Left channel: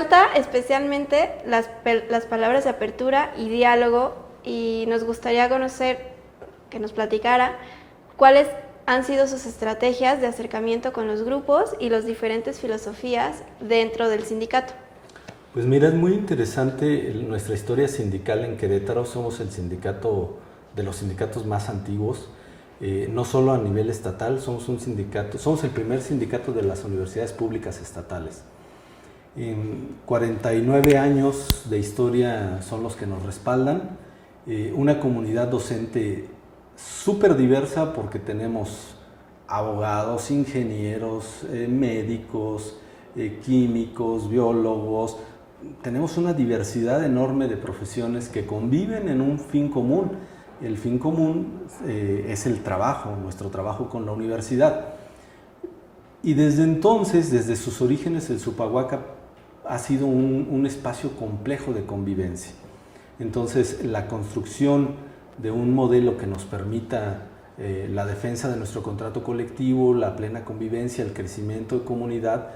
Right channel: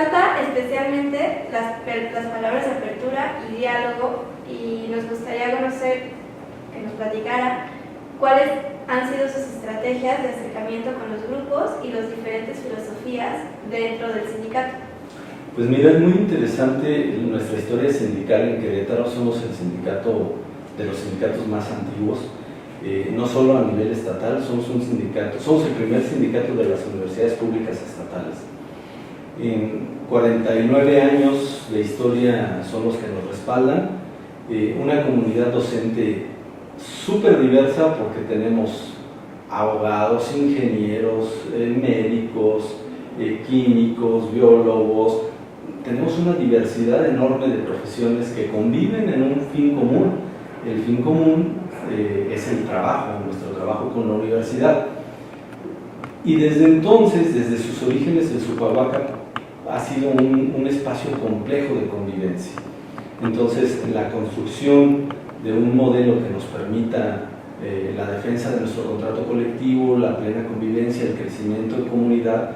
resalta especialmente las palabras de apertura y diálogo, y nos gustaría conocer, que nos platicara cuáles han sido sus estrategias de acercamiento con los grupos y las diferentes filosofías dentro del sindicato. Pues mira, es muy interesante nuestra historia sindical en Querétaro. Somos el sindicato de los sindicatos más antiguos, no solo a nivel estatal, somos un sindicato, somos el primer sindicato de las universidades públicas estatales. En 49 años de historia son los que nos respaldan, una comunidad docente súper diversa porque tenemos abogados, ingenieros, médicos, químicos, biólogos. Tenemos una diversidad enorme de profesiones que conviven en un fin común. El fin común es el trabajo, nuestro trabajo con la universidad. Y desde entonces, desde sus orígenes, el Supahuaca ha sido un espacio complejo de convivencia. Entonces, en la construcción de un modelo que nos permita la defensa de nuestro contrato colectivo, la plena convivencia, el crecimiento de comunidad,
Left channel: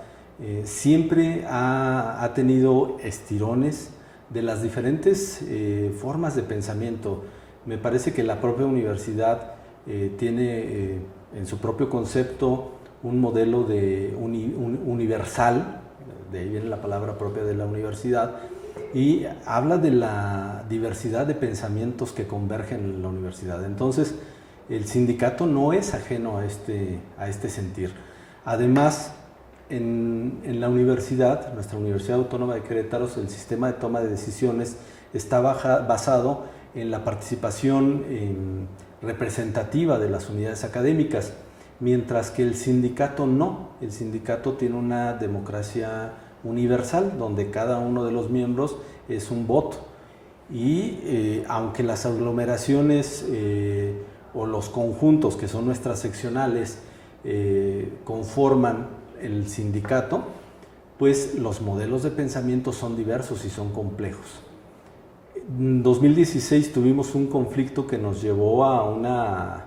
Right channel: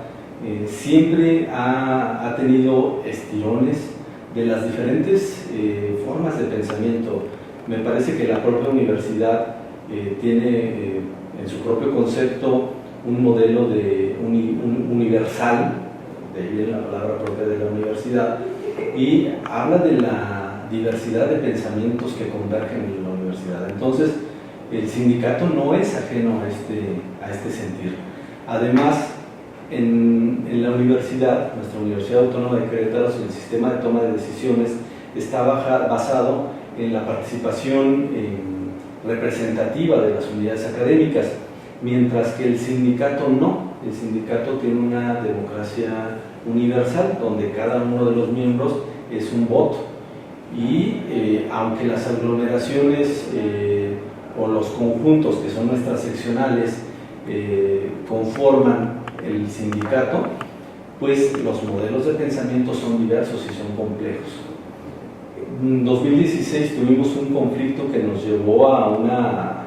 siempre ha tenido estirones de las diferentes formas de pensamiento. Me parece que la propia universidad tiene en su propio concepto un modelo universal, de ahí viene la palabra propia de la universidad, y habla de la diversidad de pensamientos que convergen en la universidad. Entonces, el sindicato no es ajeno a este sentir. Además, en la universidad, nuestra Universidad Autónoma de Querétaro, el sistema de toma de decisiones está basado en la participación representativa de las unidades académicas, mientras que el sindicato no. El sindicato tiene una democracia universal, donde cada uno de los miembros es un voto. Y aunque las aglomeraciones o los conjuntos, que son nuestras seccionales, conforman el sindicato, pues los modelos de pensamiento son diversos y son complejos. En 2016 tuvimos un conflicto que nos llevó a una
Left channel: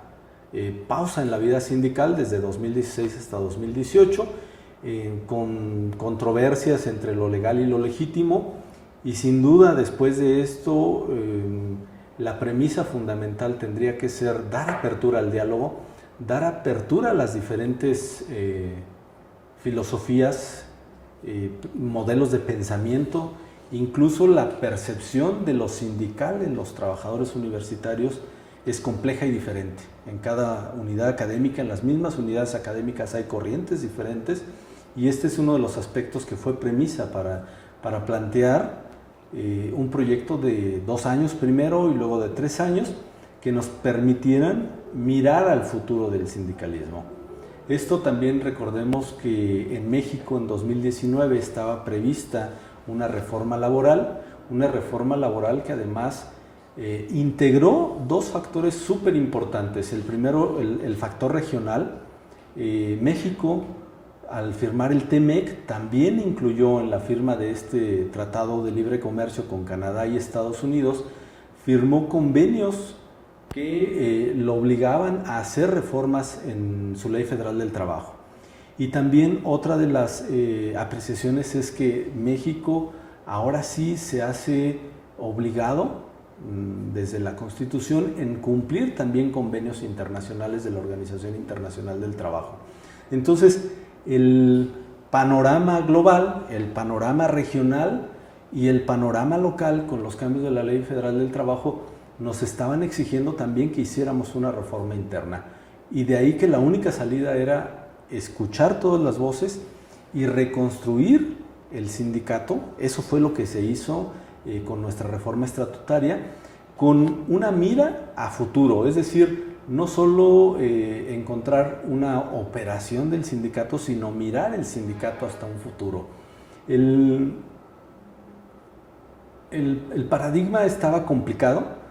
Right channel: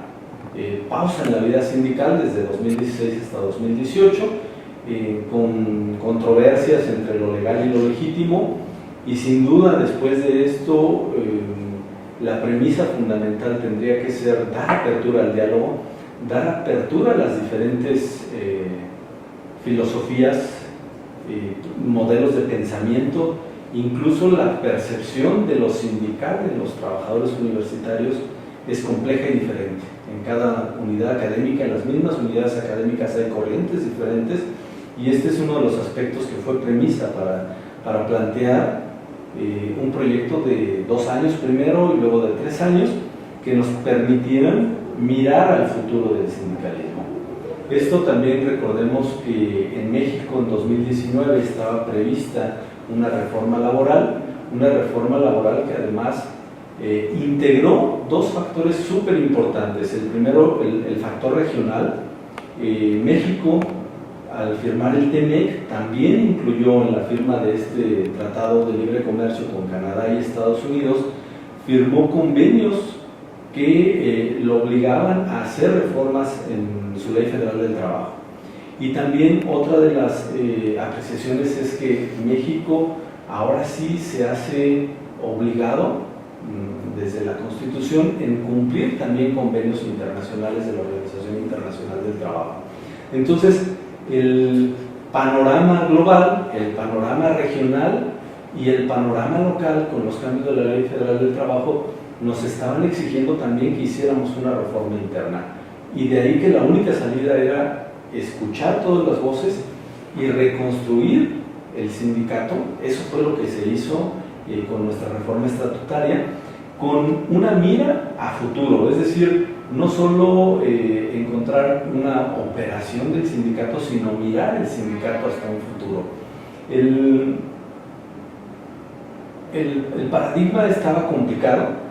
pausa en la vida sindical desde 2016 hasta 2018, con controversias entre lo legal y lo legítimo, y sin duda después de esto la premisa fundamental tendría que ser dar apertura al diálogo, dar apertura a las diferentes filosofías, modelos de pensamiento, incluso la percepción de lo sindical en los trabajadores universitarios es compleja y diferente. En cada unidad académica, en las mismas unidades académicas hay corrientes diferentes, y este es uno de los aspectos que fue premisa para plantear un proyecto de 2 años primero y luego de 3 años que nos permitieran mirar al futuro del sindicalismo. Esto también recordemos que en México en 2019 estaba prevista una reforma laboral que además integró 2 factores súper importantes. El primero, el factor regional. México, al firmar el TEMEC, también incluyó en la firma de este Tratado de Libre Comercio con Canadá y Estados Unidos, firmó convenios que lo obligaban a hacer reformas en su Ley Federal del Trabajo. Y también otra de las apreciaciones es que México ahora sí se hace obligado desde la Constitución en cumplir también convenios internacionales de la Organización Internacional del Trabajo. Entonces, el panorama global, el panorama regional y el panorama local con los cambios de la Ley Federal del Trabajo nos estaban exigiendo también que hiciéramos una reforma interna, y de ahí que la única salida era escuchar todas las voces y reconstruir el sindicato. Eso fue lo que se hizo con nuestra reforma estatutaria, con una mira a futuro, es decir, no solo encontrar una operación del sindicato, sino mirar el sindicato hasta un futuro. El paradigma estaba complicado.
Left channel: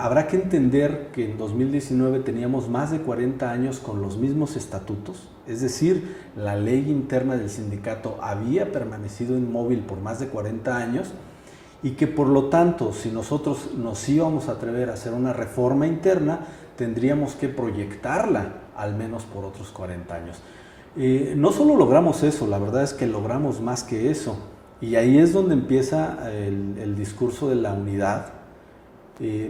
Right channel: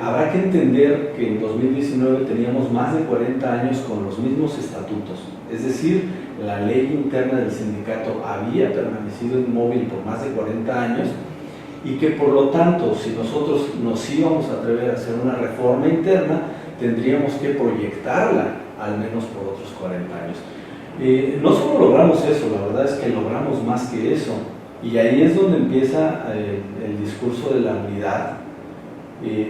Habrá que entender que en 2019 teníamos más de 40 años con los mismos estatutos, es decir, la ley interna del sindicato había permanecido inmóvil por más de 40 años, y que por lo tanto, si nosotros nos íbamos a atrever a hacer una reforma interna, tendríamos que proyectarla al menos por otros 40 años. No solo logramos eso, la verdad es que logramos más que eso. Y ahí es donde empieza el discurso de la unidad,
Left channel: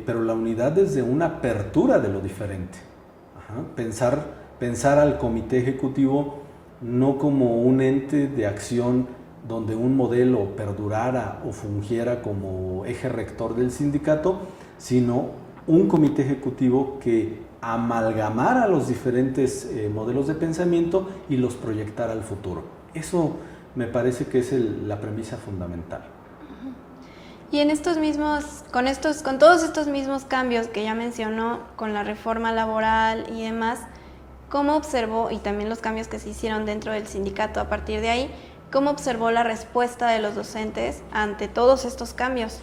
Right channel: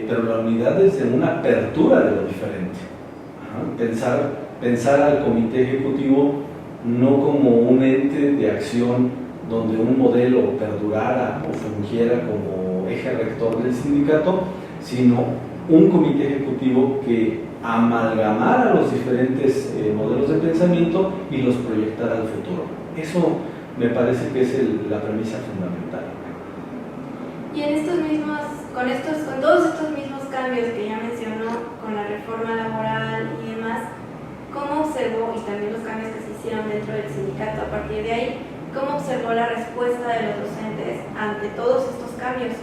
pero la unidad desde una apertura de lo diferente. Pensar al comité ejecutivo no como un ente de acción donde un modelo perdurara o fungiera como eje rector del sindicato, sino un comité ejecutivo que amalgamara los diferentes modelos de pensamiento y los proyectara al futuro. Eso me parece que es la premisa fundamental. Y con todos estos mismos cambios que ya mencionó, con la reforma laboral y demás, ¿cómo observó, y también los cambios que se hicieron dentro del sindicato a partir de ahí, cómo observó la respuesta de los docentes ante todos estos cambios?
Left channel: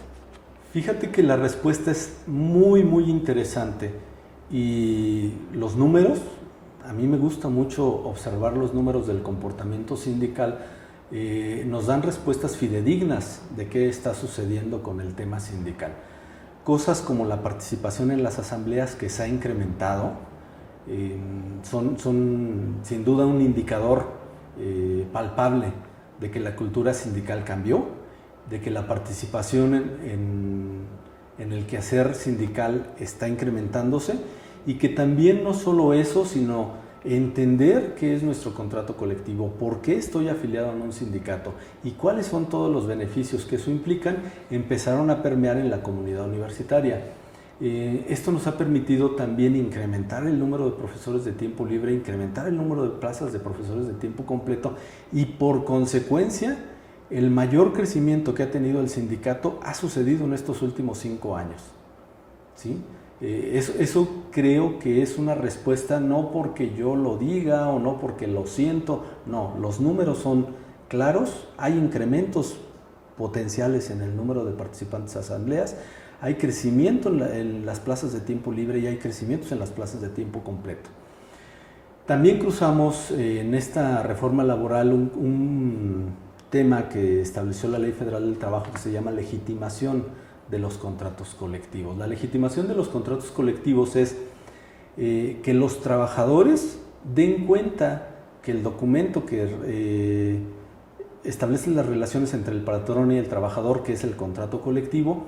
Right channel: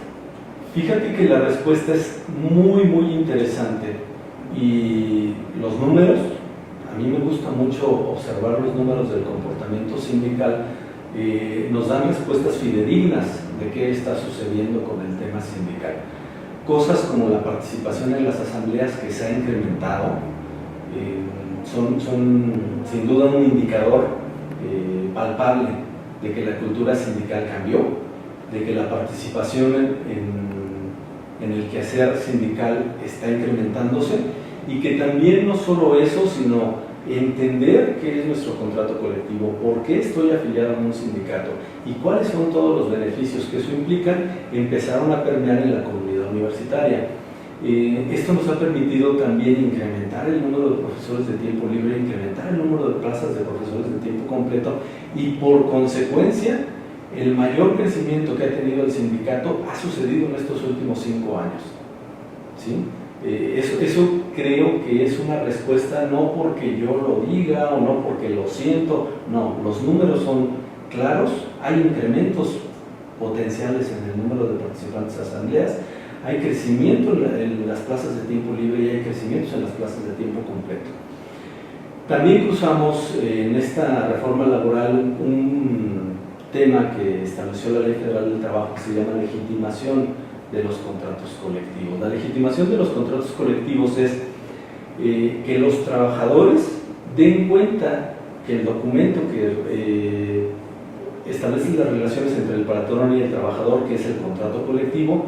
Fíjate que la respuesta es muy, muy interesante, y los números, a mí me gusta mucho observar los números del comportamiento sindical, nos dan respuestas fidedignas de qué está sucediendo con el tema sindical. Cosas como la participación en las asambleas, que se ha incrementado, son sin duda un indicador palpable de que la cultura sindical cambió, de que la participación en el quehacer sindical está incrementándose, y que también no solo eso, sino entender qué es nuestro contrato colectivo, por qué estoy afiliado a un sindicato y cuáles son todos los beneficios que eso implica, empezaron a permear en la comunidad universitaria. Esto nos ha permitido también incrementar el número de profesores de tiempo libre, incrementar el número de plazas de profesores de tiempo completo, y por consecuencia el mayor crecimiento que ha tenido el sindicato ha sucedido en estos últimos 5 años. ¿Sí? Eso creo que es una respuesta no porque yo lo diga o no porque lo siento, no, los números son claros, hay incrementos potenciales en el número de participantes a asambleas, hay crecimiento en las plazas de tiempo libre y hay crecimientos en las plazas de tiempo completo. También cruzamos en esta reforma laboral un tema que estableció la Ley Federal del Trabajo, que se llama legitimación de los contratos colectivos. La legitimación de los contratos colectivos es que los trabajadores den cuenta que el documento que establece las relaciones entre el patrón y el trabajador, que es el contrato colectivo,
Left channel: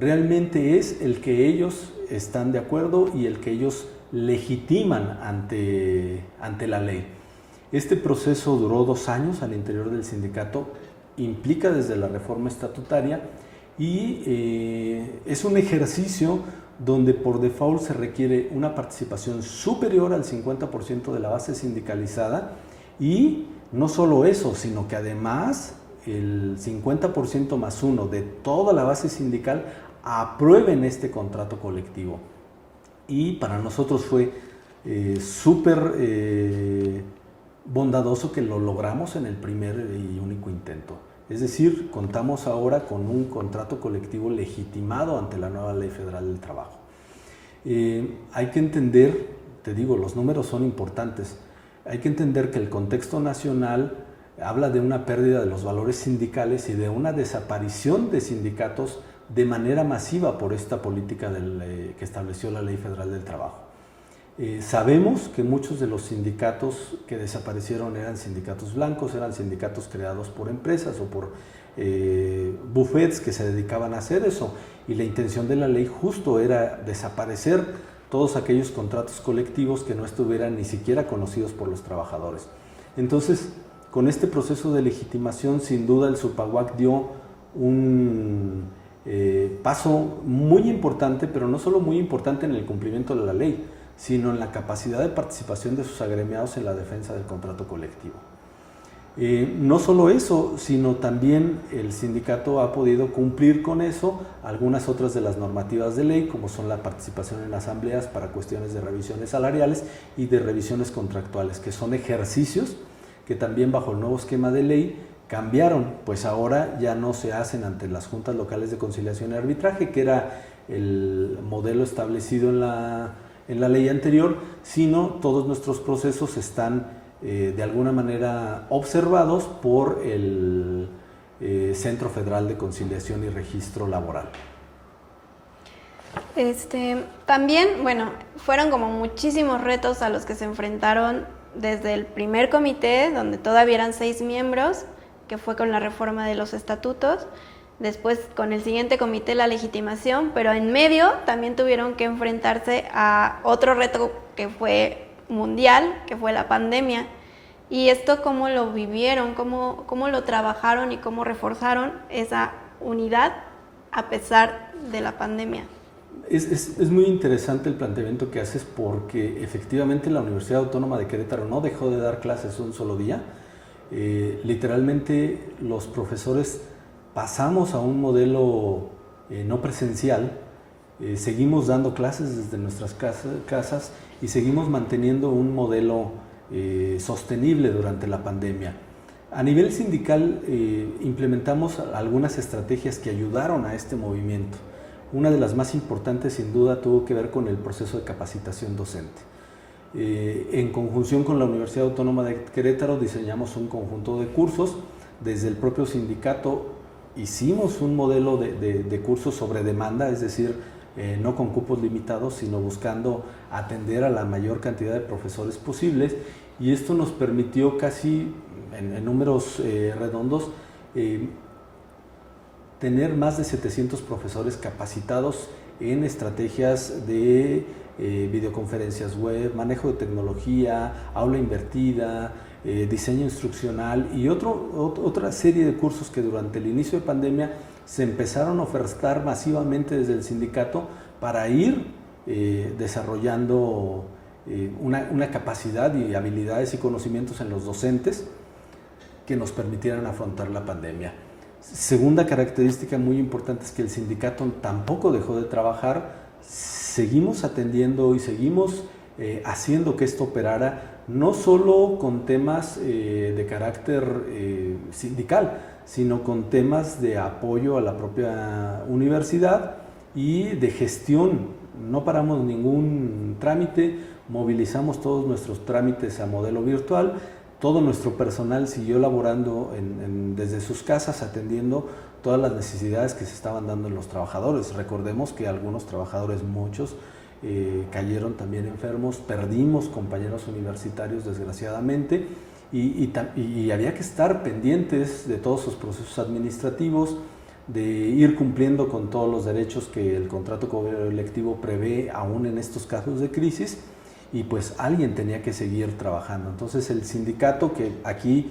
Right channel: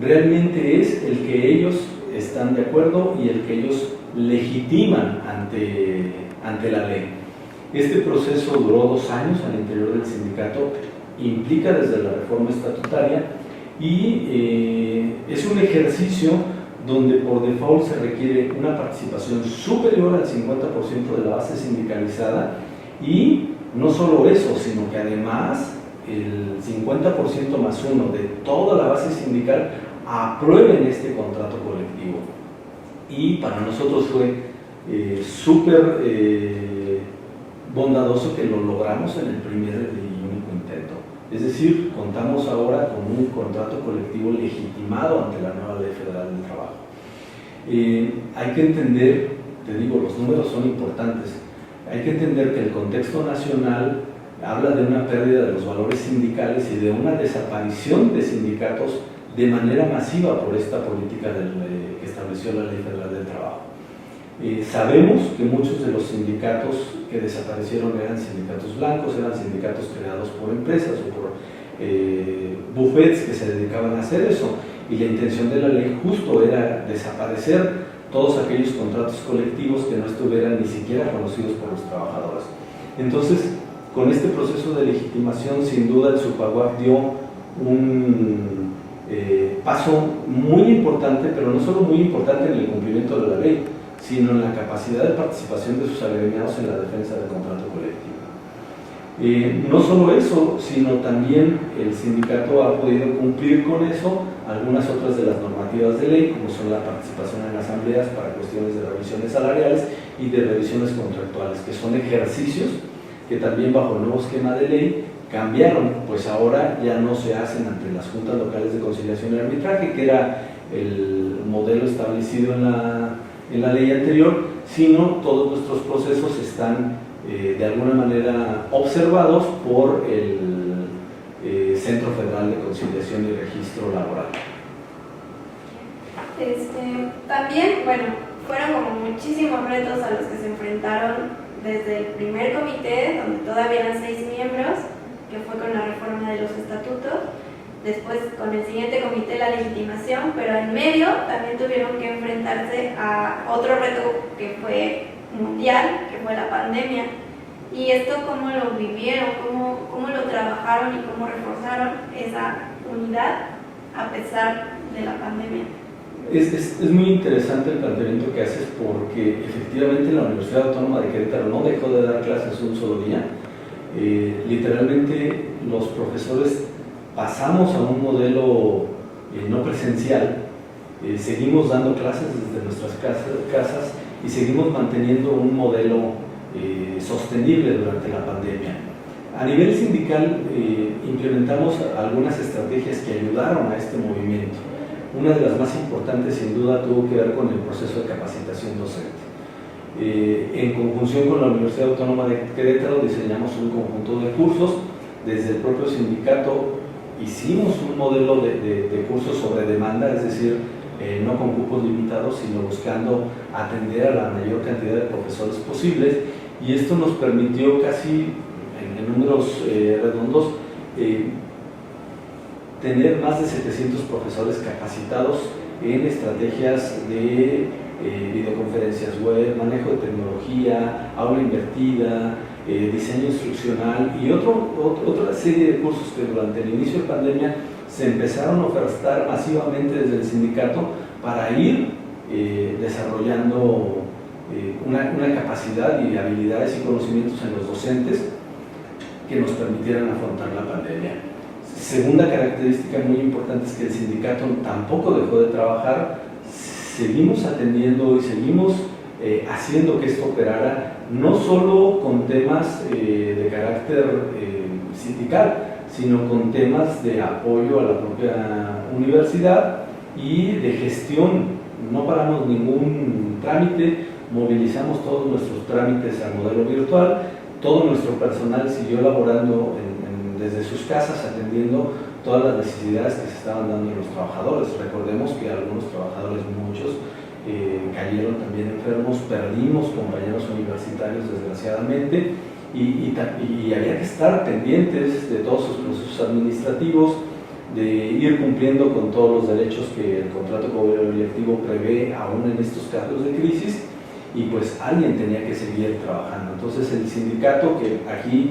realmente es el que ellos están de acuerdo y el que ellos legitiman ante la ley. Este proceso duró 2 años al interior del sindicato, implica desde la reforma estatutaria, y es un ejercicio donde por default se requiere una participación superior al 50% de la base sindicalizada, y no solo eso, sino que además el 50% más 1 de toda la base sindical aprueben este contrato colectivo. Y para nosotros fue súper bondadoso que lo logramos en el primer y único intento. Es decir, contamos ahora con un contrato colectivo legitimado ante la nueva Ley Federal del Trabajo. Hay que entender, te digo, los números son importantes, hay que entender que el contexto nacional habla de una pérdida de los valores sindicales y de una desaparición de sindicatos de manera masiva por esta política que estableció la Ley Federal del Trabajo. Sabemos que muchos de los sindicatos que desaparecieron eran sindicatos blancos, eran sindicatos creados por empresas o por bufetes que se dedicaban a hacer eso, y la intención de la ley justo era desaparecer todos aquellos contratos colectivos que no estuvieran ni siquiera conocidos por los trabajadores. Entonces, con este proceso de legitimación, sin duda el SUPAUAC dio un paso muy importante, pero no solo muy importante en el cumplimiento de la ley, sino en la capacidad de participación de sus agremiados en la defensa del contrato colectivo. No solo eso, sino también el sindicato ha podido cumplir con eso algunas otras de las normativas de ley, como son la participación en asambleas para cuestiones de revisiones salariales y de revisiones contractuales, que son ejercicios que también bajo el nuevo esquema de ley cambiaron, pues ahora ya no se hacen ante las juntas locales de conciliación y arbitraje, que era el modelo establecido en la ley anterior, sino todos nuestros procesos están de alguna manera observados por el Centro Federal de Conciliación y Registro Laboral. También, bueno, fueron como muchísimos retos a los que se enfrentaron desde el primer comité, donde todavía eran 6 miembros, que fue con la reforma de los estatutos. Después, con el siguiente comité, la legitimación, pero en medio también tuvieron que enfrentarse a otro reto que fue mundial, que fue la pandemia. ¿Y esto cómo lo vivieron? ¿Cómo lo trabajaron y cómo reforzaron esa unidad a pesar de la pandemia? Es muy interesante el planteamiento que haces, porque efectivamente la Universidad Autónoma de Querétaro no dejó de dar clases un solo día. Literalmente los profesores pasamos a un modelo no presencial, seguimos dando clases desde nuestras casas y seguimos manteniendo un modelo sostenible durante la pandemia. A nivel sindical implementamos algunas estrategias que ayudaron a este movimiento. Una de las más importantes, sin duda, tuvo que ver con el proceso de capacitación docente. En conjunción con la Universidad Autónoma de Querétaro diseñamos un conjunto de cursos. Desde el propio sindicato hicimos un modelo de cursos sobre demanda, es decir, no con cupos limitados, sino buscando atender a la mayor cantidad de profesores posibles, y esto nos permitió casi, en números redondos, tener más de 700 profesores capacitados en estrategias de videoconferencias web, manejo de tecnología, aula invertida, diseño instruccional y otra serie de cursos que durante el inicio de pandemia se empezaron a ofertar masivamente desde el sindicato para ir desarrollando una capacidad y habilidades y conocimientos en los docentes que nos permitieran afrontar la pandemia. Segunda característica muy importante es que el sindicato tampoco dejó de trabajar, seguimos atendiendo y seguimos haciendo que esto operara, no solo con temas de carácter sindical, sino con temas de apoyo a la propia universidad y de gestión. No paramos ningún trámite, movilizamos todos nuestros trámites a modelo virtual, todo nuestro personal siguió laborando desde sus casas atendiendo todas las necesidades que se estaban dando en los trabajadores. Recordemos que algunos trabajadores, muchos, cayeron también enfermos, perdimos compañeros universitarios desgraciadamente y había que estar pendientes de todos sus procesos administrativos, de ir cumpliendo con todos los derechos que el contrato colectivo prevé aún en estos casos de crisis, y pues alguien tenía que seguir trabajando. Entonces el sindicato, que aquí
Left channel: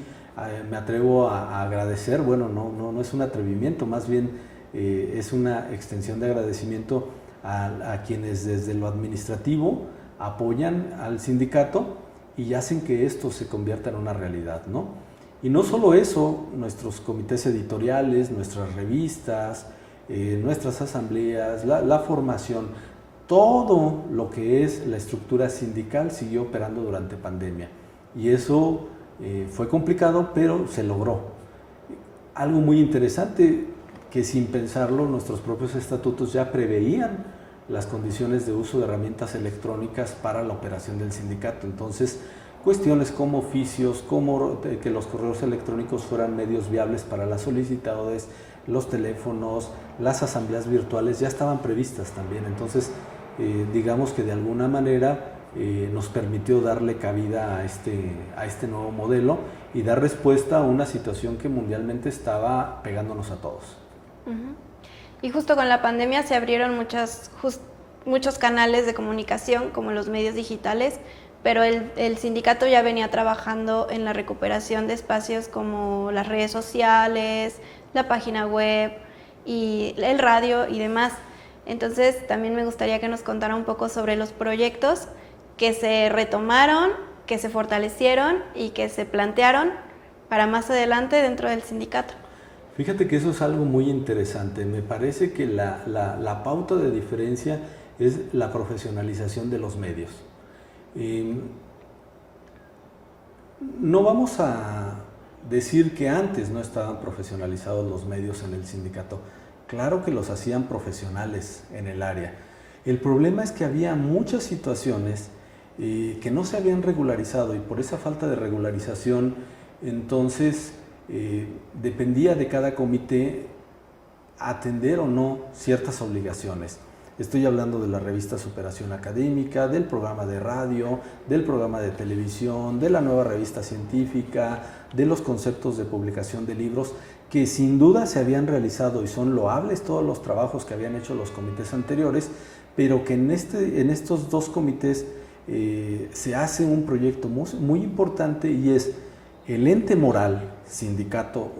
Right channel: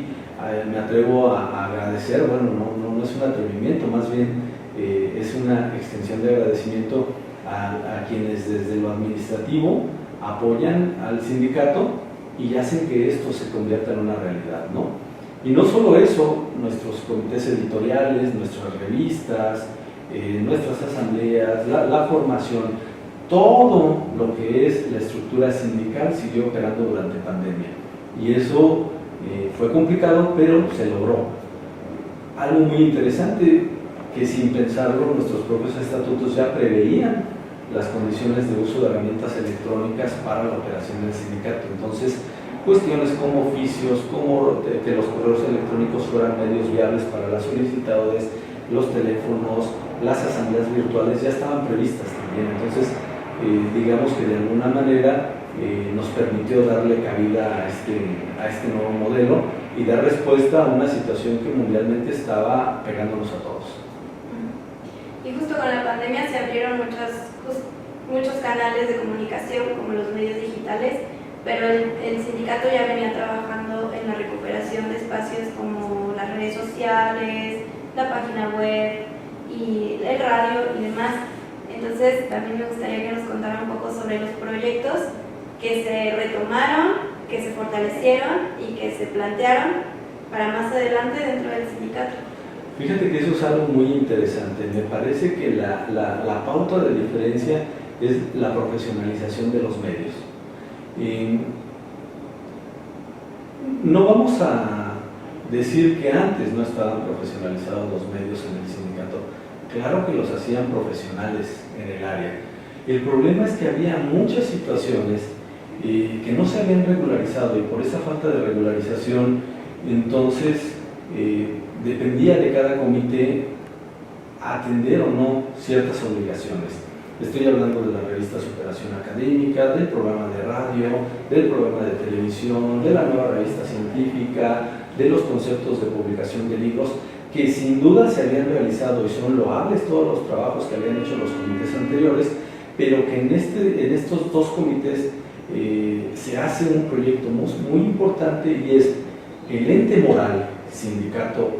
me atrevo a agradecer, bueno, no es un atrevimiento, más bien es una extensión de agradecimiento a quienes desde lo administrativo apoyan al sindicato y hacen que esto se convierta en una realidad, ¿no? Y no solo eso, nuestros comités editoriales, nuestras revistas, nuestras asambleas, la formación, todo lo que es la estructura sindical siguió operando durante pandemia. Y eso fue complicado, pero se logró. Algo muy interesante, que sin pensarlo nuestros propios estatutos ya preveían las condiciones de uso de herramientas electrónicas para la operación del sindicato. Entonces, cuestiones como oficios, como que los correos electrónicos fueran medios viables para las solicitudes, los teléfonos, las asambleas virtuales ya estaban previstas también. Entonces, digamos que de alguna manera nos permitió darle cabida a este nuevo modelo y dar respuesta a una situación que mundialmente estaba pegándonos a todos. Y justo con la pandemia se abrieron muchos canales de comunicación, como los medios digitales, pero el sindicato ya venía trabajando en la recuperación de espacios como las redes sociales, la página web y el radio y demás. Entonces también me gustaría que nos contara un poco sobre los proyectos que se retomaron, que se fortalecieron y que se plantearon para más adelante dentro del sindicato. Fíjate que eso es algo muy interesante. Me parece que la pauta de diferencia es la profesionalización de los medios. No vamos a decir que antes no estaban profesionalizados los medios en el sindicato. Claro que los hacían profesionales en el área. El problema es que había muchas situaciones que no se habían regularizado, y por esa falta de regularización, entonces dependía de cada comité atender o no ciertas obligaciones. Estoy hablando de la revista Superación Académica, del programa de radio, del programa de televisión, de la nueva revista científica, de los conceptos de publicación de libros, que sin duda se habían realizado y son loables todos los trabajos que habían hecho los comités anteriores, pero que en estos dos comités se hace un proyecto muy importante, y es el ente moral, Sindicato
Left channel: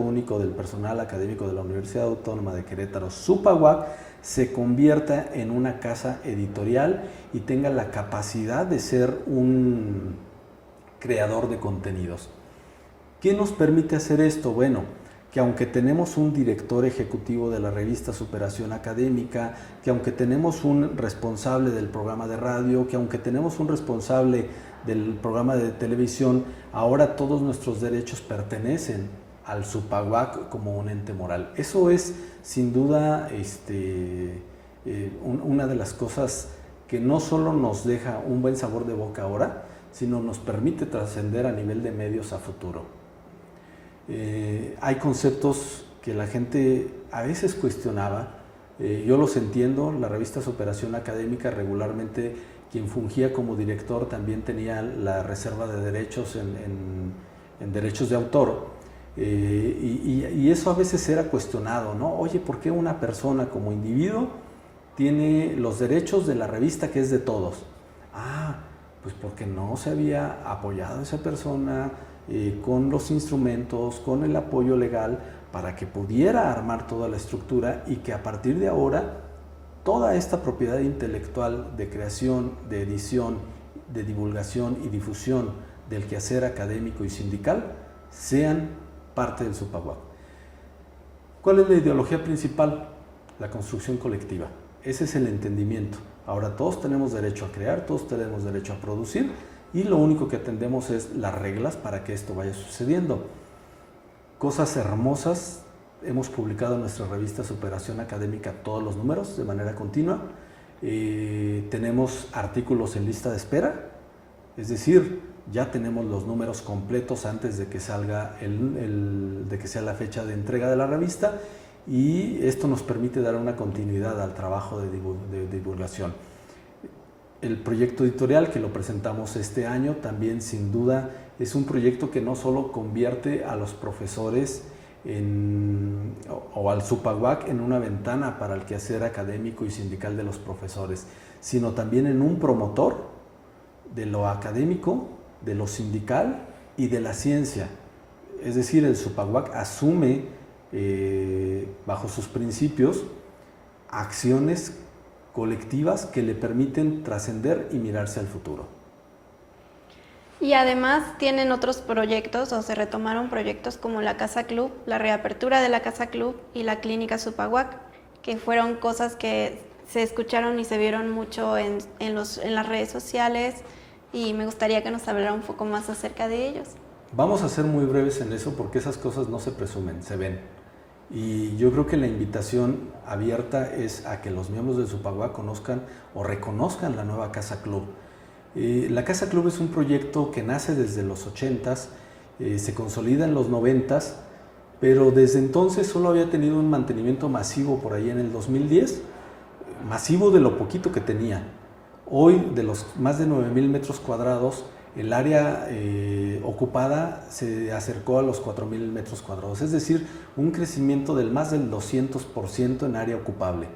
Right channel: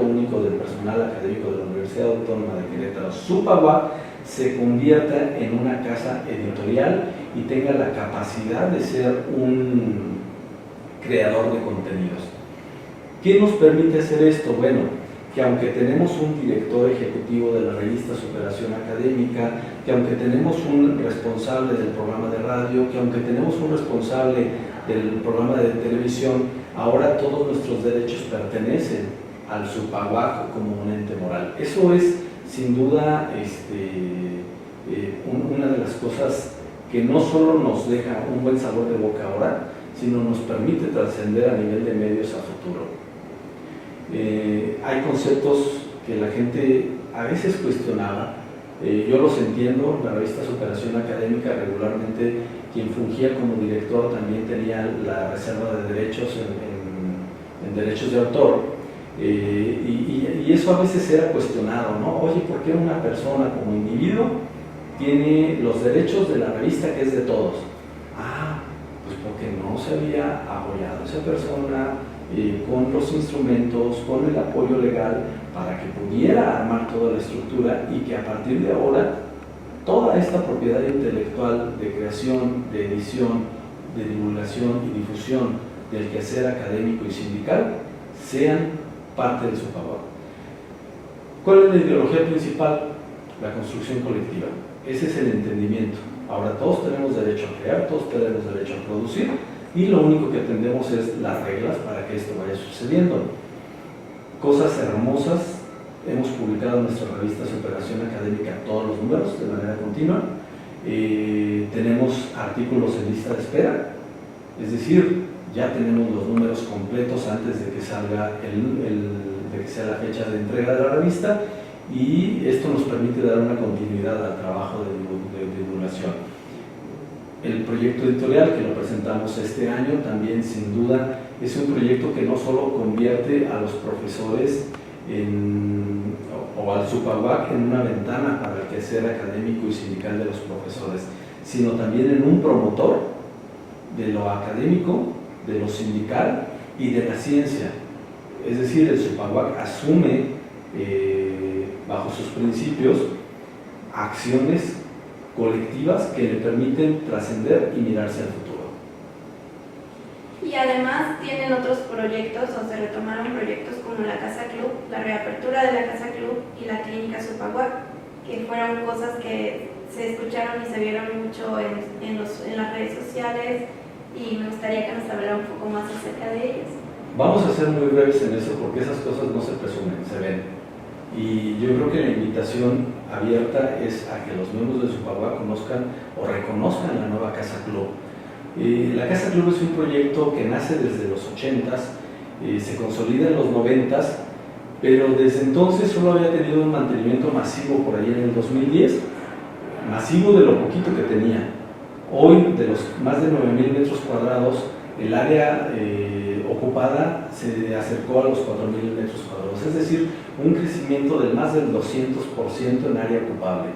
Único del Personal Académico de la Universidad Autónoma de Querétaro, SUPAUAC, se convierta en una casa editorial y tenga la capacidad de ser un creador de contenidos. ¿Qué nos permite hacer esto? Bueno, que aunque tenemos un director ejecutivo de la revista Superación Académica, que aunque tenemos un responsable del programa de radio, que aunque tenemos un responsable del programa de televisión, ahora todos nuestros derechos pertenecen al SUPAUAC como un ente moral. Eso es sin duda una de las cosas que no solo nos deja un buen sabor de boca ahora, sino nos permite trascender a nivel de medios a futuro. Hay conceptos que la gente a veces cuestionaba, yo los entiendo. La revista Superación Académica regularmente, quien fungía como director también tenía la reserva de derechos en derechos de autor, y eso a veces era cuestionado, ¿no? Oye, ¿por qué una persona como individuo tiene los derechos de la revista que es de todos? Pues porque no se había apoyado a esa persona con los instrumentos, con el apoyo legal para que pudiera armar toda la estructura, y que a partir de ahora toda esta propiedad intelectual de creación, de edición, de divulgación y difusión del quehacer académico y sindical sean parte del SUPAUAC. ¿Cuál es la ideología principal? La construcción colectiva. Ese es el entendimiento. Ahora todos tenemos derecho a crear, todos tenemos derecho a producir, y lo único que atendemos es las reglas para que esto vaya sucediendo. Cosas hermosas. Hemos publicado en nuestra revista Superación Académica todos los números de manera continua. Tenemos artículos en lista de espera, es decir, ya tenemos los números completos antes de que salga de que sea la fecha de entrega de la revista, y esto nos permite dar una continuidad al trabajo de divulgación. El proyecto editorial, que lo presentamos este año, también sin duda es un proyecto que no solo convierte a los profesores o al SUPAUAC en una ventana para el quehacer académico y sindical de los profesores, sino también en un promotor de lo académico, de lo sindical y de la ciencia. Es decir, el SUPAUAC asume bajo sus principios acciones colectivas que le permiten trascender y mirarse al futuro. Y además tienen otros proyectos, o se retomaron proyectos como la Casa Club, la reapertura de la Casa Club y la Clínica SUPAUAC, que fueron cosas que se escucharon y se vieron mucho en las redes sociales, y me gustaría que nos hablara un poco más acerca de ellos. Vamos a ser muy breves en eso, porque esas cosas no se presumen, se ven. Y yo creo que la invitación abierta es a que los miembros de SUPAUAC conozcan o reconozcan la nueva Casa Club. La Casa Club es un proyecto que nace desde los 80s, se consolida en los 90s, pero desde entonces solo había tenido un mantenimiento masivo por ahí en el 2010, masivo de lo poquito que tenía. Hoy, de los más de 9,000 metros cuadrados, el área ocupada se acercó a los 4,000 metros cuadrados, es decir, un crecimiento de más del 200% en área ocupable.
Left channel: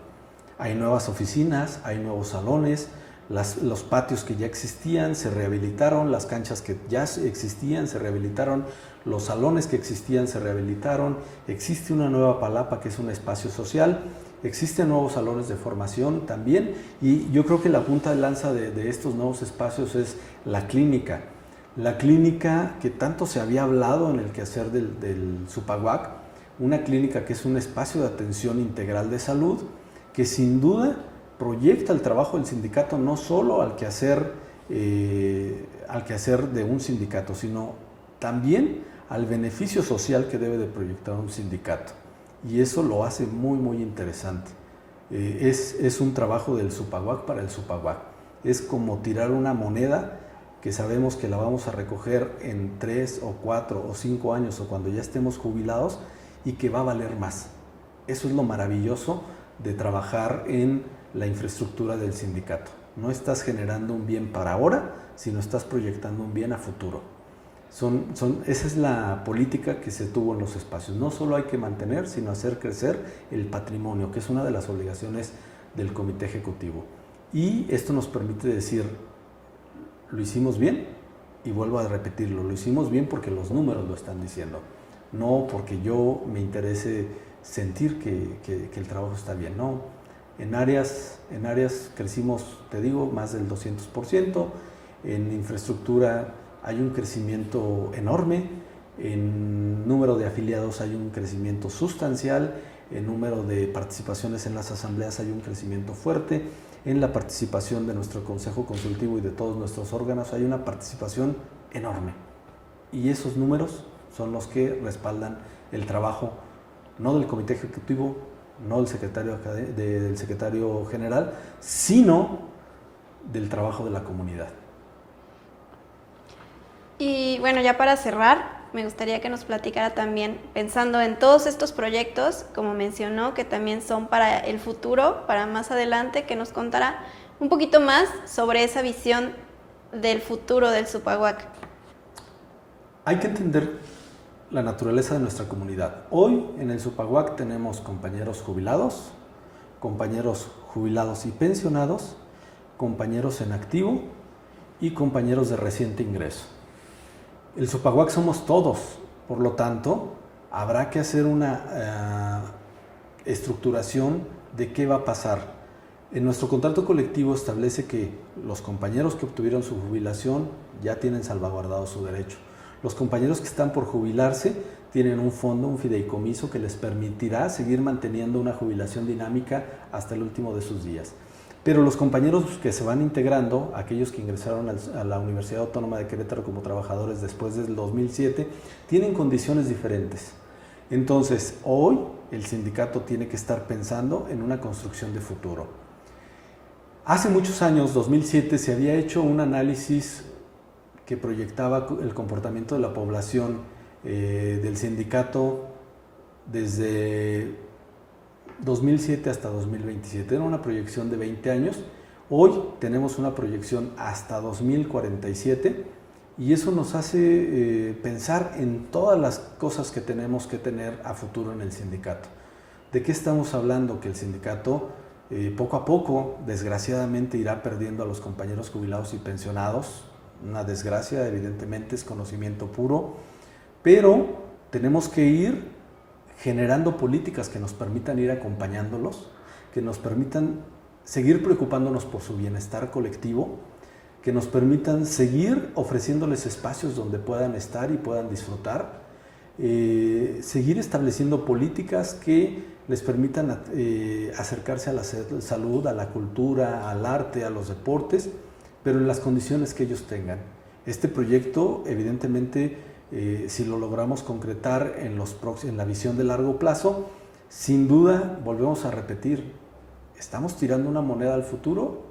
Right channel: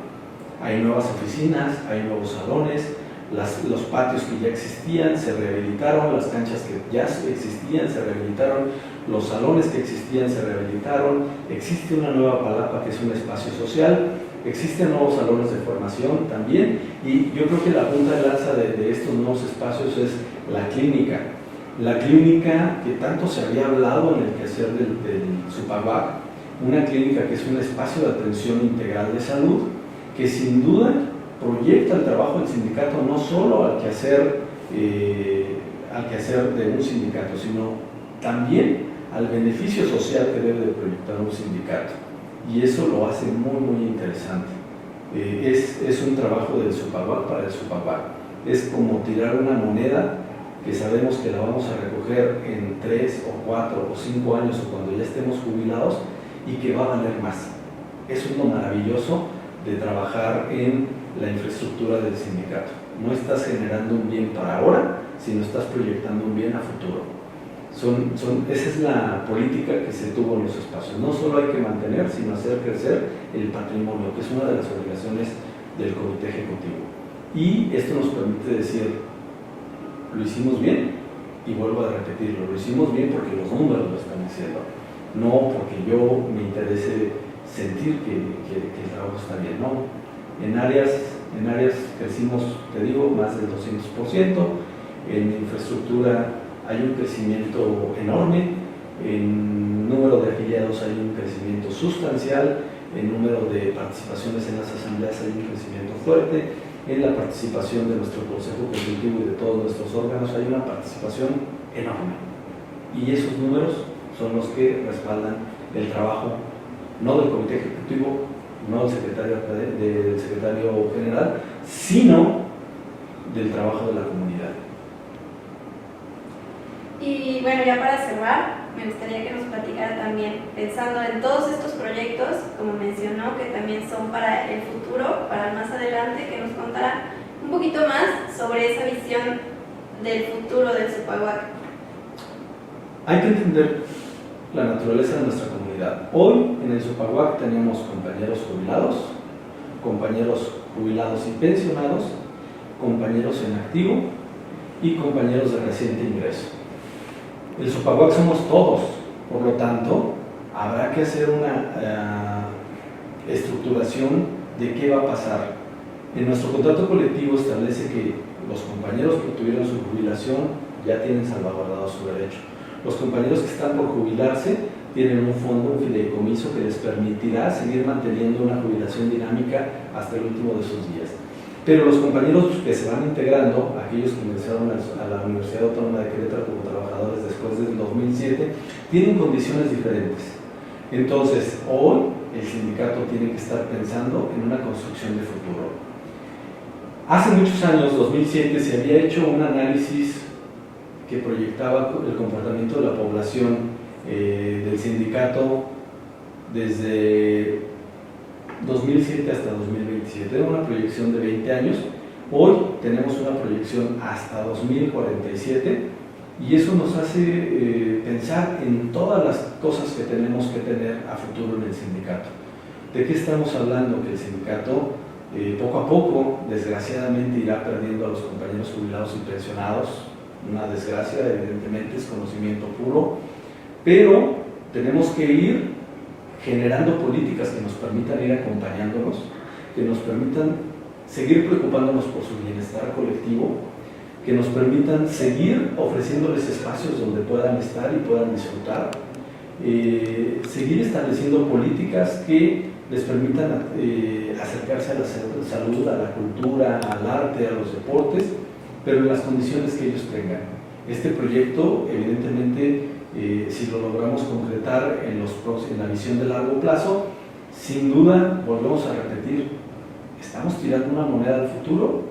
Hay nuevas oficinas, hay nuevos salones, los patios que ya existían se rehabilitaron, las canchas que ya existían se rehabilitaron, los salones que existían se rehabilitaron, existe una nueva palapa que es un espacio social, existen nuevos salones de formación también, y yo creo que la punta de lanza de estos nuevos espacios es la clínica. La clínica que tanto se había hablado en el quehacer del SUPAUAC, una clínica que es un espacio de atención integral de salud, que sin duda proyecta el trabajo del sindicato no solo al quehacer de un sindicato, sino también al beneficio social que debe de proyectar un sindicato, y eso lo hace muy interesante. Es un trabajo del SUPAUAC para el SUPAUAC, es como tirar una moneda que sabemos que la vamos a recoger en 3 o 4 o 5 años, o cuando ya estemos jubilados, y que va a valer más. Eso es lo maravilloso de trabajar en la infraestructura del sindicato. No estás generando un bien para ahora, sino estás proyectando un bien a futuro. Esa es la política que se tuvo en los espacios. No solo hay que mantener, sino hacer crecer el patrimonio, que es una de las obligaciones del comité ejecutivo. Y esto nos permite decir, lo hicimos bien, y vuelvo a repetirlo, lo hicimos bien porque los números lo están diciendo, no porque yo me interese sentir que el trabajo está bien, no. En áreas crecimos, te digo, más del 200%, en infraestructura hay un crecimiento enorme, en número de afiliados hay un crecimiento sustancial, en número de participaciones en las asambleas hay un crecimiento fuerte, en la participación de nuestro Consejo Consultivo y de todos nuestros órganos hay una participación enorme. Y esos números son los que respaldan el trabajo, no del Comité Ejecutivo, no del secretario general, sino del trabajo de la comunidad. Y bueno, ya para cerrar, me gustaría que nos platicara también, pensando en todos estos proyectos, como mencionó, que también son para el futuro, para más adelante, que nos contara un poquito más sobre esa visión del futuro del Zupahuac. Hay que entender la naturaleza de nuestra comunidad. Hoy en el Zupahuac tenemos compañeros jubilados y pensionados, compañeros en activo y compañeros de reciente ingreso. El Zupahuac somos todos, por lo tanto, habrá que hacer una estructuración de qué va a pasar. En nuestro contrato colectivo establece que los compañeros que obtuvieron su jubilación ya tienen salvaguardado su derecho. Los compañeros que están por jubilarse tienen un fondo, un fideicomiso que les permitirá seguir manteniendo una jubilación dinámica hasta el último de sus días. Pero los compañeros que se van integrando, aquellos que ingresaron a la Universidad Autónoma de Querétaro como trabajadores después del 2007, tienen condiciones diferentes. Entonces, hoy el sindicato tiene que estar pensando en una construcción de futuro. Hace muchos años, 2007, se había hecho un análisis que proyectaba el comportamiento de la población del sindicato desde 2007 hasta 2027, era una proyección de 20 años, hoy tenemos una proyección hasta 2047 y eso nos hace pensar en todas las cosas que tenemos que tener a futuro en el sindicato. ¿De qué estamos hablando? Que el sindicato poco a poco, desgraciadamente, irá perdiendo a los compañeros jubilados y pensionados, una desgracia, evidentemente es conocimiento puro, pero tenemos que ir generando políticas que nos permitan ir acompañándolos, que nos permitan seguir preocupándonos por su bienestar colectivo, que nos permitan seguir ofreciéndoles espacios donde puedan estar y puedan disfrutar, seguir estableciendo políticas que les permitan acercarse a la salud, a la cultura, al arte, a los deportes, pero en las condiciones que ellos tengan. Este proyecto, evidentemente, si lo logramos concretar en la visión de largo plazo, sin duda, volvemos a repetir, estamos tirando una moneda al futuro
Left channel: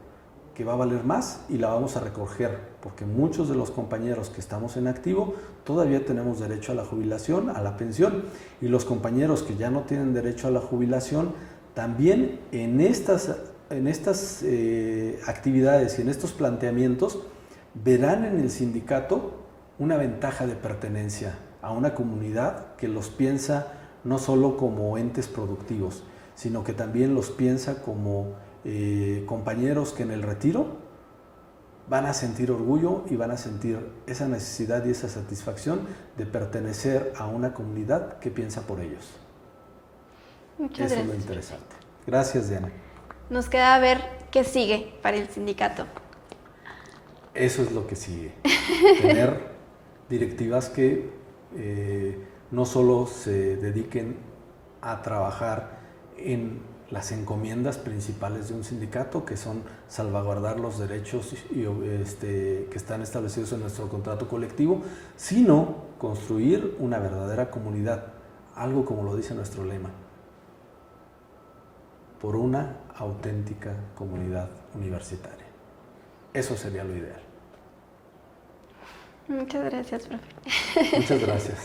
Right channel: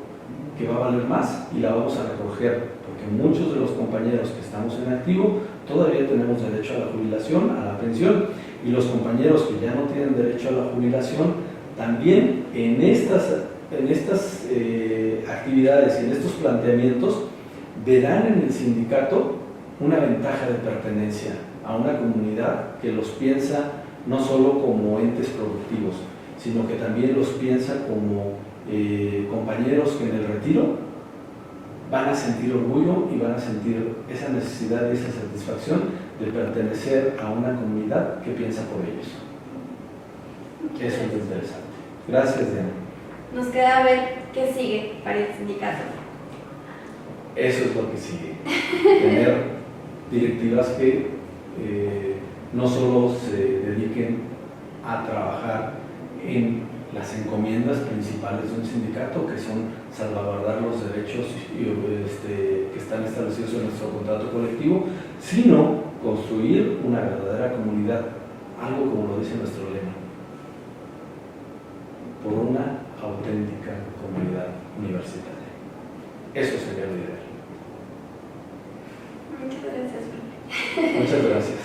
que va a valer más y la vamos a recoger, porque muchos de los compañeros que estamos en activo todavía tenemos derecho a la jubilación, a la pensión, y los compañeros que ya no tienen derecho a la jubilación, también en estas actividades y en estos planteamientos verán en el sindicato una ventaja de pertenencia a una comunidad que los piensa no solo como entes productivos, sino que también los piensa como compañeros que en el retiro van a sentir orgullo y van a sentir esa necesidad y esa satisfacción de pertenecer a una comunidad que piensa por ellos. Eso es lo interesante. Gracias, Diana. Nos queda ver qué sigue para el sindicato. Eso es lo que sigue. Tener directivas que no solo se dediquen a trabajar en las encomiendas principales de un sindicato, que son salvaguardar los derechos que están establecidos en nuestro contrato colectivo, sino construir una verdadera comunidad, algo como lo dice nuestro lema, por una auténtica comunidad universitaria. Eso sería lo ideal. Muchas gracias, profe. Muchas gracias.